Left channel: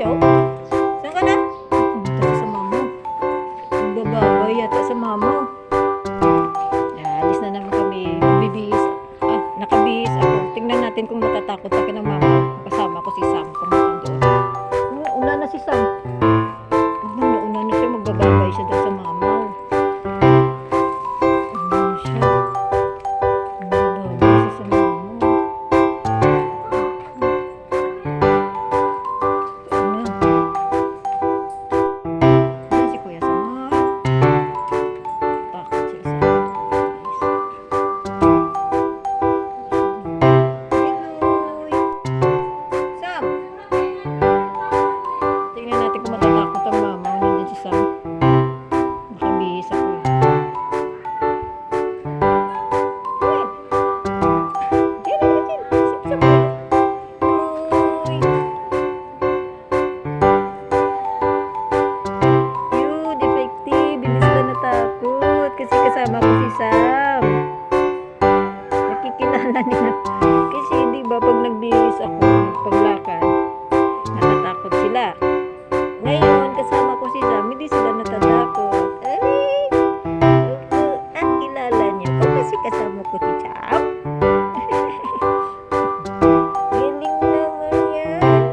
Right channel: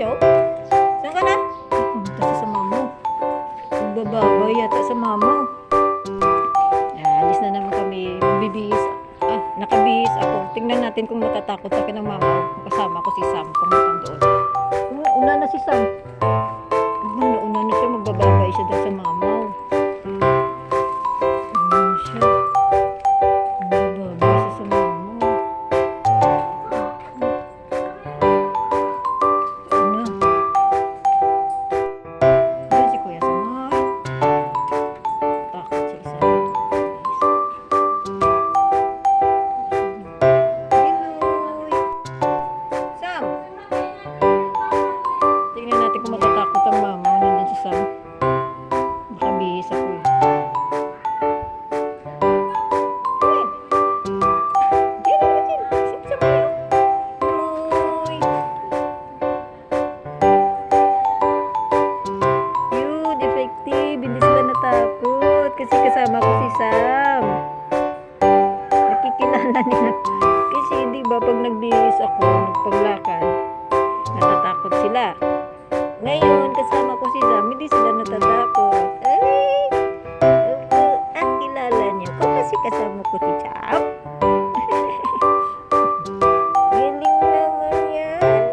Show? Saan ka na? Pumunta sa mama. Nagbababay yata sa mama. Alis na naman kami. Bibihis. Nakabihis ako. Tingnan natin kung matatakot sa akin ng mama. Kasama ko si Sam. Pumunta doon. Una na si Sam. Una na siya. Magbababay siya doon sa mama. Una siya. Magbababay siya sa mama. Kasi kasama ko si Sam. Nakikilala nila. Kasi di ba pag nagbihis ako, nagpaglakad, natatakot sila. Ngayon, kasama ko si Sam, hindi sila natatakot. Ay! At kilala niyo ko kasi kasama ko si Sam. Galing naman yan.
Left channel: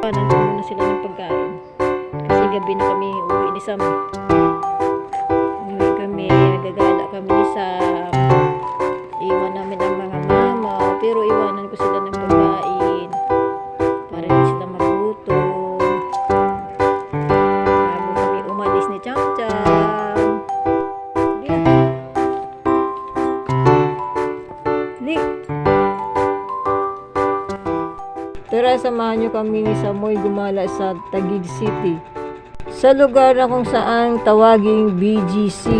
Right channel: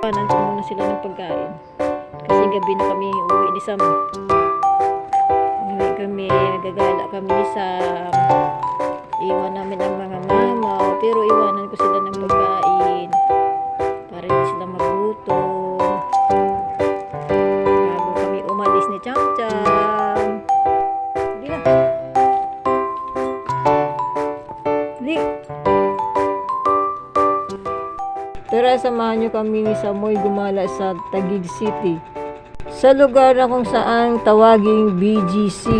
Panan ko muna sila ng pagkain. Kasi gabi na kami uwi ni Sam. Nagagala kami ni Sam. Iwan namin ang mga mama, pero iwanan ko sila ng pagkain para hindi sila magutom bago kami umalis ni Cham Cham. Sige na. Li. Tara, samahan nyo kami ni Samoy gumala sa Taguig City, sa lugar na kung saan tawaging BGC.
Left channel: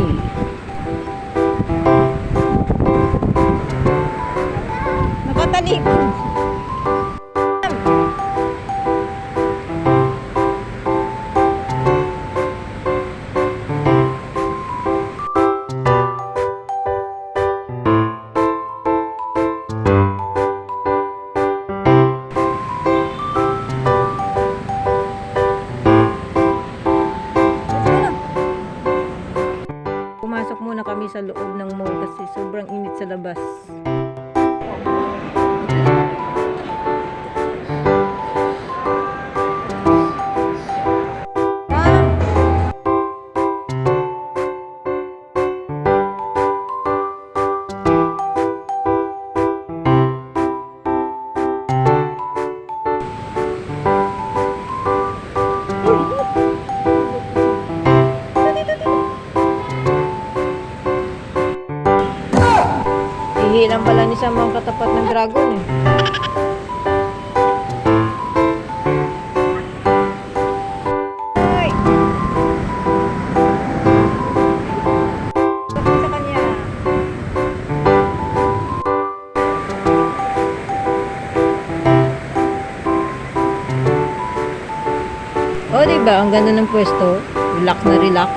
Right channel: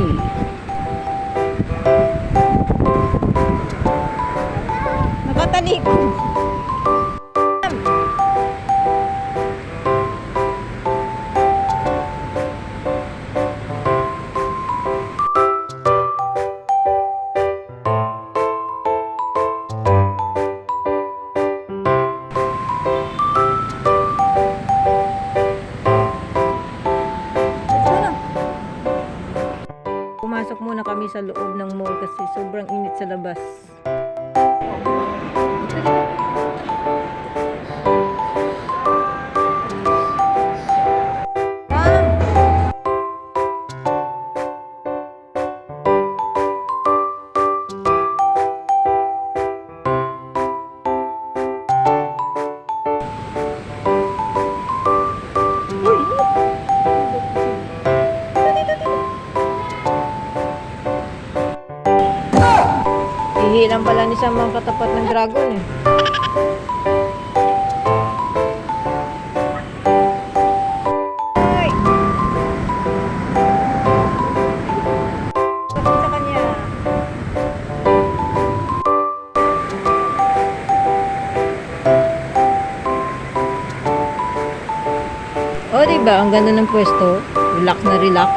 Nakatalikod. Pumasok muna kami sa loob ng mall kasi sobrang init sa labas. Hihilang pala ni Sam ang katapat ng dragon eh. Ay! Takot sa kanya. O, diba? Ang ganda ng pwesto. Relax na relax.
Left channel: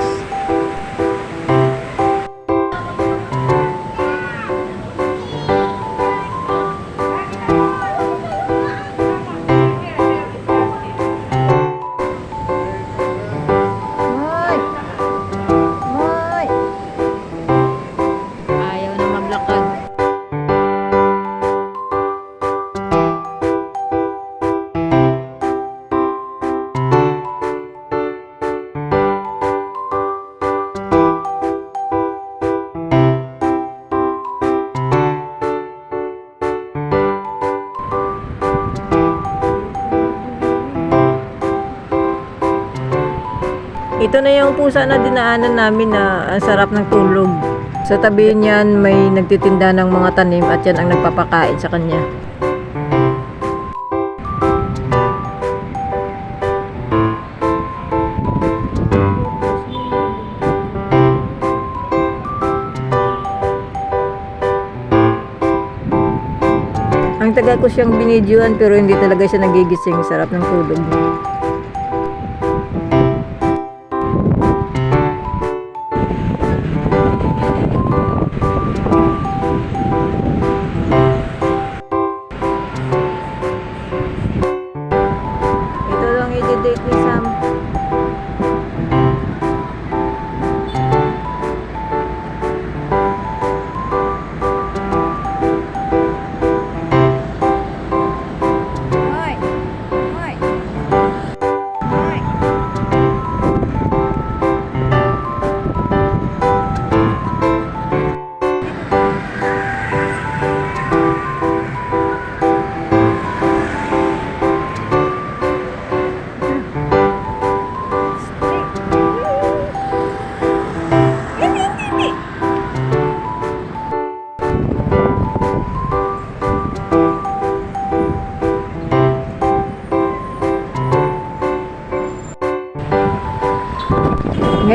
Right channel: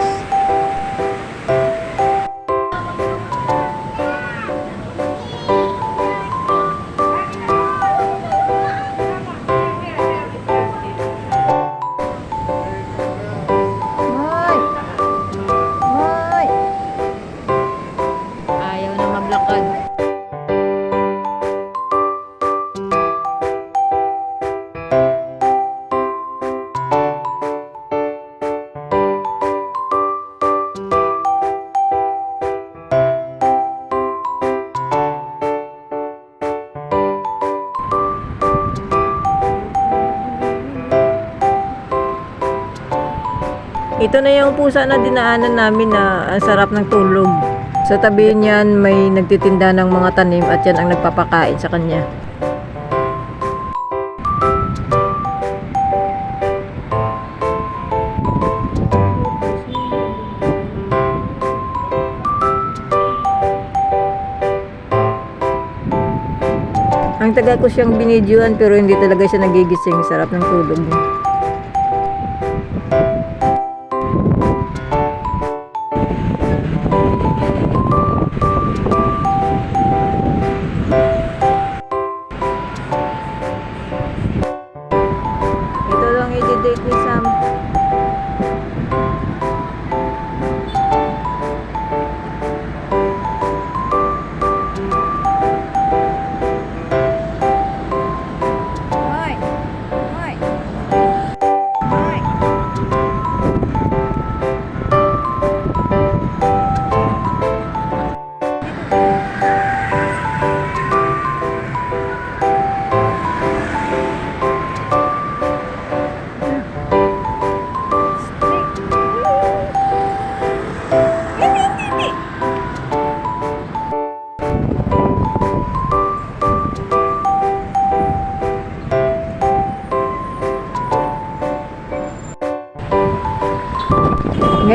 Ito na yung pusa na dinaanan namin na ang sarap ng tulog. Sa tabi niyan may nagtitinda ng mga tanim at yan ang nagpapakain sa kanya. Ang taga ko siyang binidyoan pero hindi talaga siya nagigising. Sarap ng tulog niya.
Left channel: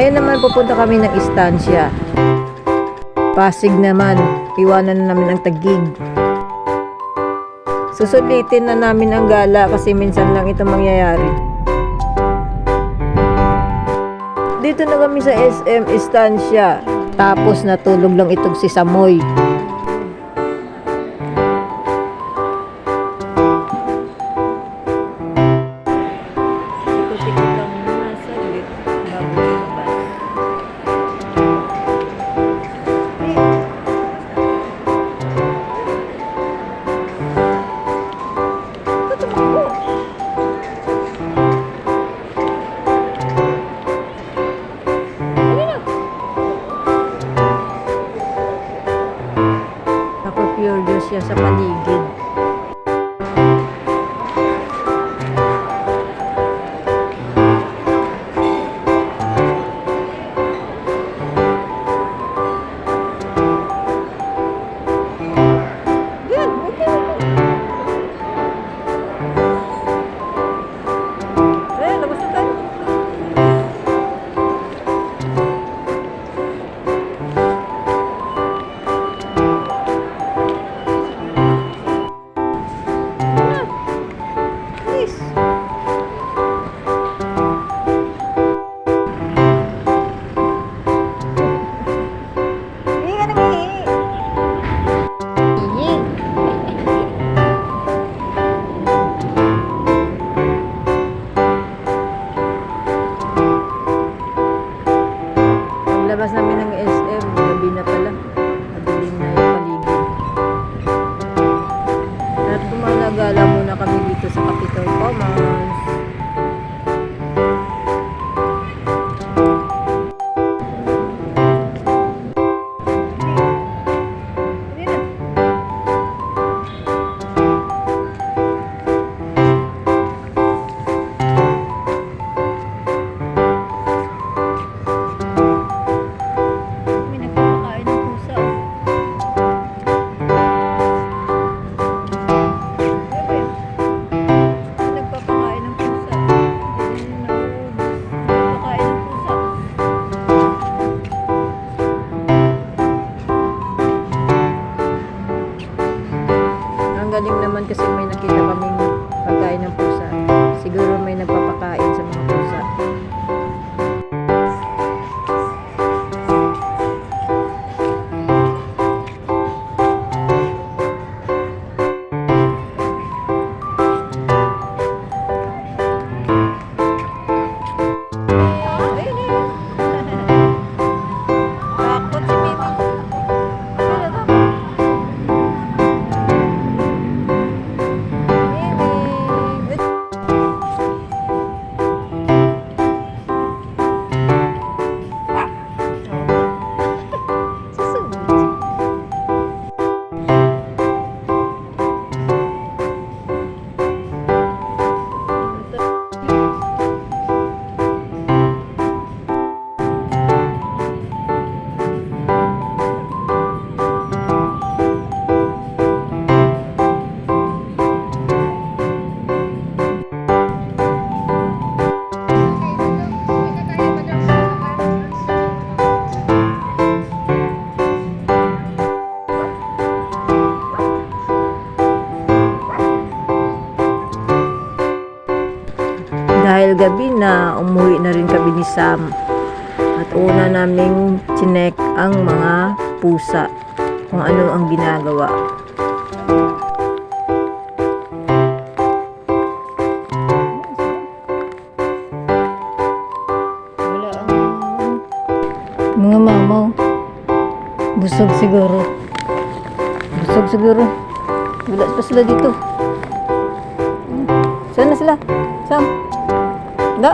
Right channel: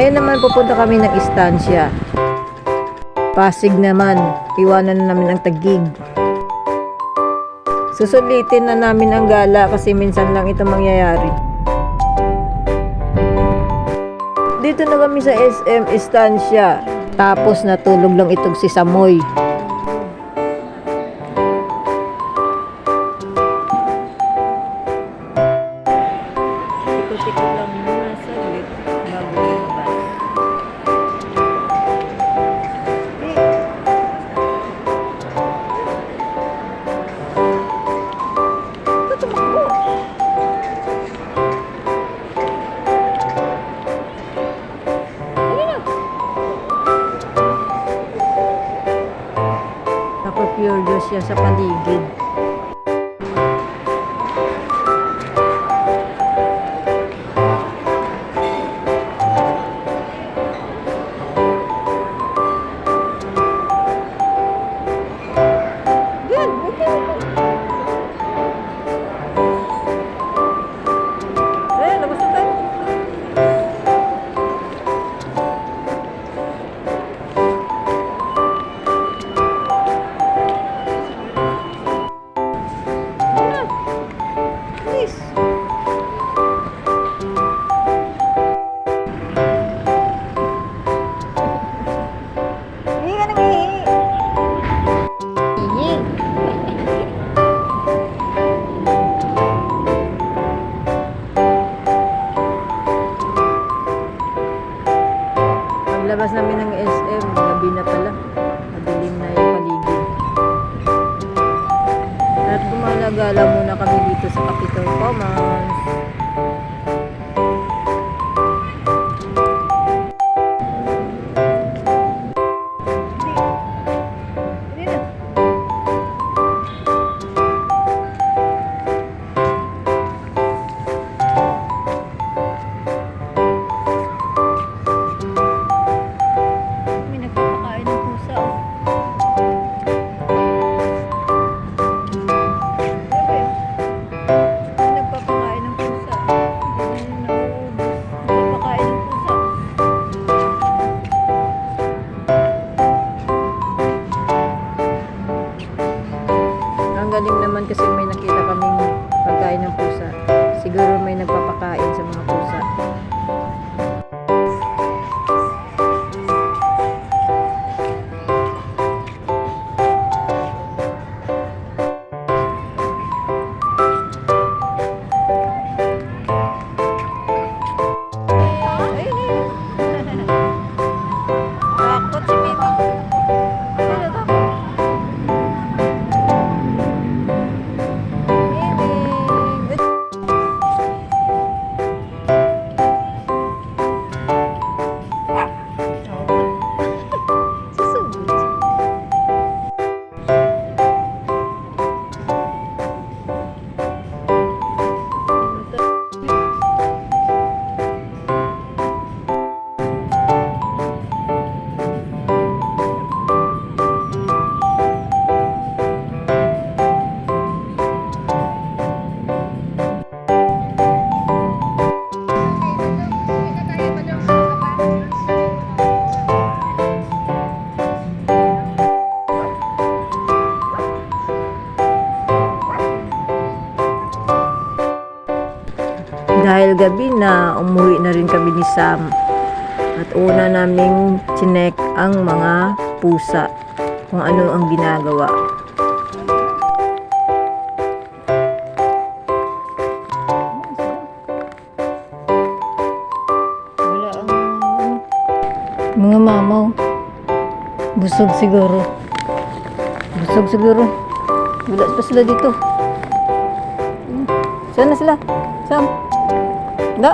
Ngayon naman pupunta kami ng istansya. Pasig naman, iwanan na namin ang Taguig. Susulitin na namin ang gala kasi minsan lang ito mangyayari. Dito na kami sa SM Istansya. Tapos natulog lang itong si Samoy. Ikot-ikot lang muna saglit bago lumabas. Naka-pure siya sa paligid. Good, okay. Labas na tayo. Please. Hindi ka nang hihingi. Hihingi. Paglabas namin ng SM, gabi na pala. Madilim na yung paligid. At gumalagala muna kami dito sa Capitol Commons. May nagpapakain ng pusa. Nagpapakain ng pusa. Hindi na nauubos. Nagpapakain ng pusa. Ang galing naman kasi may nakita kaming pagkain ng pusa. Siguro may nagpapakain sa mga pusa. Takot si Mimi. Kaya takot. Mimi. Susunod. Dahil gabi na, umuwi na rin kami ni Sam. At una naming chinek ang mga pusa, kung ano ang ginagawa. Wala ang mga mamaw. Busog siguro. Busog siguro. Wala pa sila dito. Saan na sila? Sam? Da?